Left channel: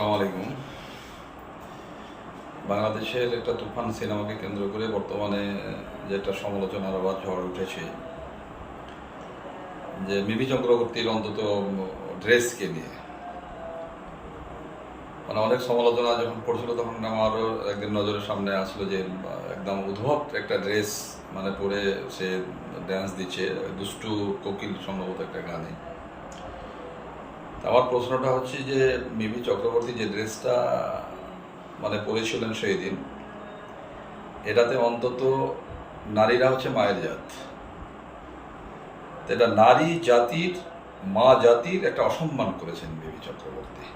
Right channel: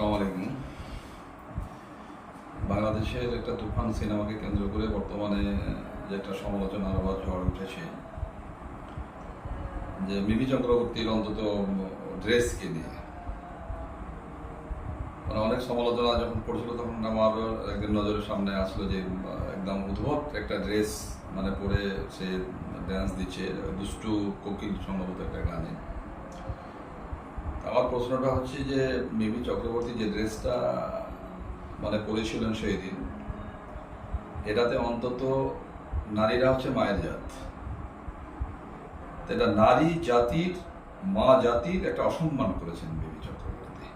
আসসালামু আলাইকুম। বাংলাদেশের একটা তুফান সিনেমাকে কেন্দ্র করে বর্তমানে যে একটা সমালোচনার আবার ঝড় উঠেছে, যে মিমি চক্রবর্তীর অন্তত ড্রেসকে নিয়ে অনেক সমালোচনা যখন পড়ছিল, তখন আমার একদিন নজরের সামনে আসলো যে একদম উদ্ভট একটা ড্রেস পরে সে ড্যান্স দিচ্ছে দুষ্টু কোকিল সম্ভবত একটা গানে। আমার প্রশ্নটা হচ্ছে যে মিমি চক্রবর্তী যে ড্রেসটা পরেছিলেন সেই দিন, এটাতে অন্তত নারীরা হচ্ছে মায়ের জাত। এটা নারী জাতির, মা জাতির একটা অসম্মান করেছেন মিমি চক্রবর্তী।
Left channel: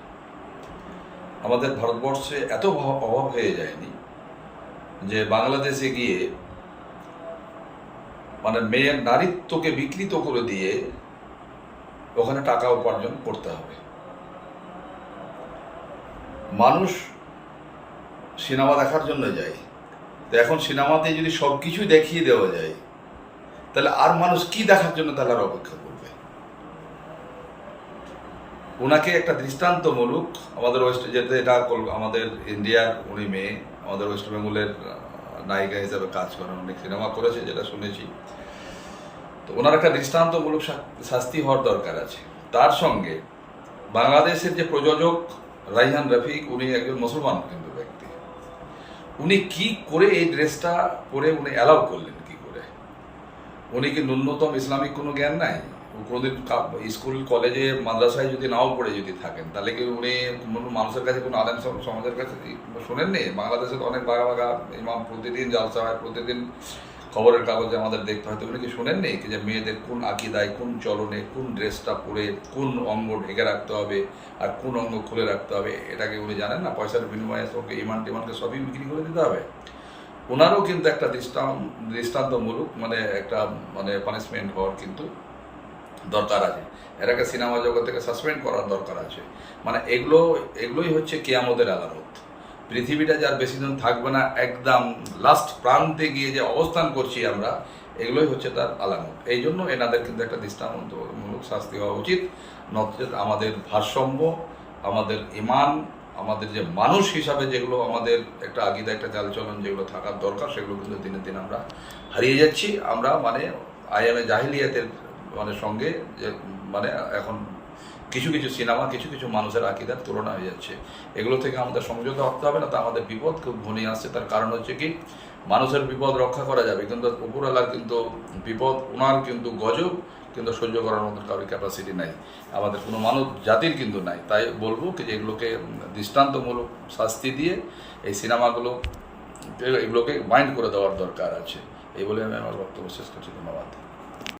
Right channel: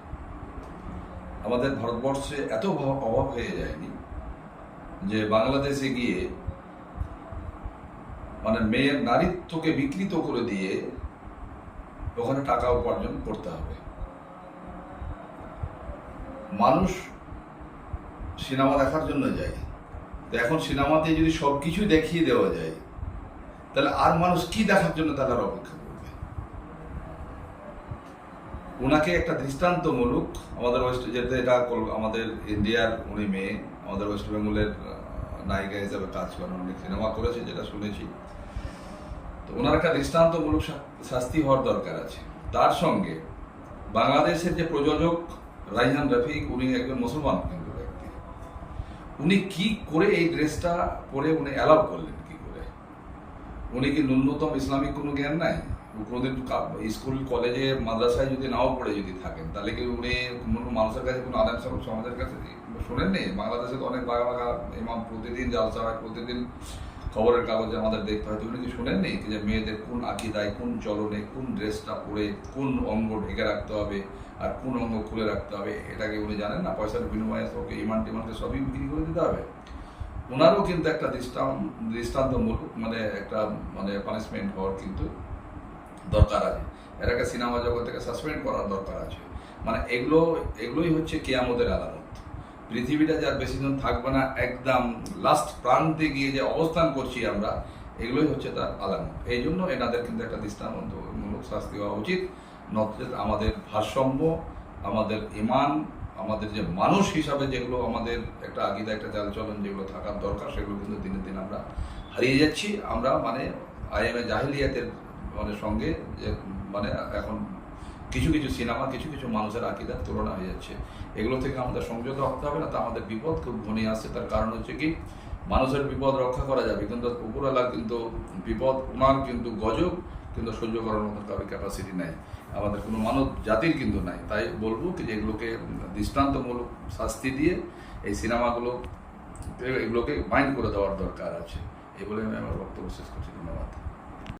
আমাদের ভারতবর্ষে এত অভাব হয়ে যায়নি যে বাংলাদেশে গিয়ে মেয়ের নারীত্বকে বিকৃত করে দিয়ে ওখানে টাকা উপার্জন করতে হবে। মানুষ সিনেমা দেখার জন্য যায়, তো এখন সিনেমাতে যদি সব কিছু দেখিয়ে দেওয়া যায়, তাহলে আর মানুষ কি দেখার জন্য তাহলে আর অপেক্ষা করবে? ওনাকে একটা দৃষ্টান্তমূলক, আমাদের যেতে এটা আমাদের ইন্ডিয়ার উনি মেয়ে, আমাদের ওয়েস্ট বেঙ্গলের নায়িকা হিসাবে কাজ করেন, অনেক সিনেমা করেছে যেটা শুনেছি। তো ওনার একটা দৃষ্টান্তমূলক শাস্তি হওয়ার দরকার আছে। তার সঙ্গে বাংলাদেশের যে প্রযোজক রাইহান রফিক, উনি একজন মুসলমান কিন্তু ব্যক্তি, উনি কি করে এই ড্রেসটা পরে উনি অ্যালাউ করলেন? কি করে? উনি কি ন্যূনতম ইসলামিক কোনো জ্ঞান নাই? কোনোদিন স্কুল কলেজে মাদ্রাসায় যদি নাও পড়ে যদি থাকেন, তাহলে কি উনি কোনো মানুষের কাছে, কোনো আলেম সমাজের কাছে শোনেননি? বাংলাদেশে তো অনেক বাঘা বাঘা ইমাম প্রতিদিন জালসা হয়, প্রতিদিন খবরের কাগজে আমাদের দেখতে হয়। তো উনি কি শোনেননি যে মেয়েদের কোন আকিদায়, কোন চলনে, কোন ড্রেসটা পরে কোন অঙ্গ ঢেকে রাখতে হবে আর কোন অঙ্গ খুলে রাখতে হবে? এটাকে উনি জানেন না? পয়সার বিনিময়ে ওকে ইমান টিমানকে সবই বিক্রি করে দিতে হবে। ওনারও কিন্তু একটা দৃষ্টান্তমূলক একটা পানিশমেন্ট হওয়ার কিন্তু দরকার আছে। এটাকে সিনেমা জগৎ থেকে সাসপেন্ড করার দরকার আছে। এগুলোই হচ্ছে কিয়ামতের আলামত। পৃথিবীটা যার বেশি দিন থাকবে না, একদম লাস্ট প্রান্তে গিয়ে যে অবস্থান করছি আমরা, এগুলোই হচ্ছে তার আলামত। এই জন্য এনাদের কিন্তু একটা দৃষ্টান্তমূলক শাস্তি হওয়া উচিত। নচেত আমাদের ভারসাম্য, আমাদের ইমান, আমাদের যে মানুষ হিসাবে যেগুলো আমাদের একটা আগিদা, একটা চালচলন যেগুলো থাকার দরকার, সেগুলো কিন্তু দিনে দিন আমরা হারিয়ে যাচ্ছি। আমরা আইএমএ জাহিলিয়াতের সঙ্গে যে এখন কিছু কিছু সিনেমা, কিছু কিছু মানুষের আকিদার তুলনা হয়ে যাচ্ছে। এগুলো থেকে আমাদের সংযত হতে হবে, না তো আমাদের বিপদ খুব ঘনিয়ে আসছে। তার কারণ হচ্ছে কি, মানুষের বিপদ রক্ষা করা যাবে, কিন্তু উপরওয়ালার কিন্তু বিপদ, ওনার কিন্তু গজব কিন্তু সহ্য করার মতো কারোর ক্যাপাসিটি নাই, আমাদের কোনো মানব জাতির কিন্তু নাই। তাই বলবো যে এগুলোকে দৃষ্টান্তমূলক শাস্তি দিয়ে এই এগুলোকে মাইন্ড করে দেওয়ার দরকার আছে। এই বলে আমি আমার বক্তব্য শেষ করছি। ধন্যবাদ।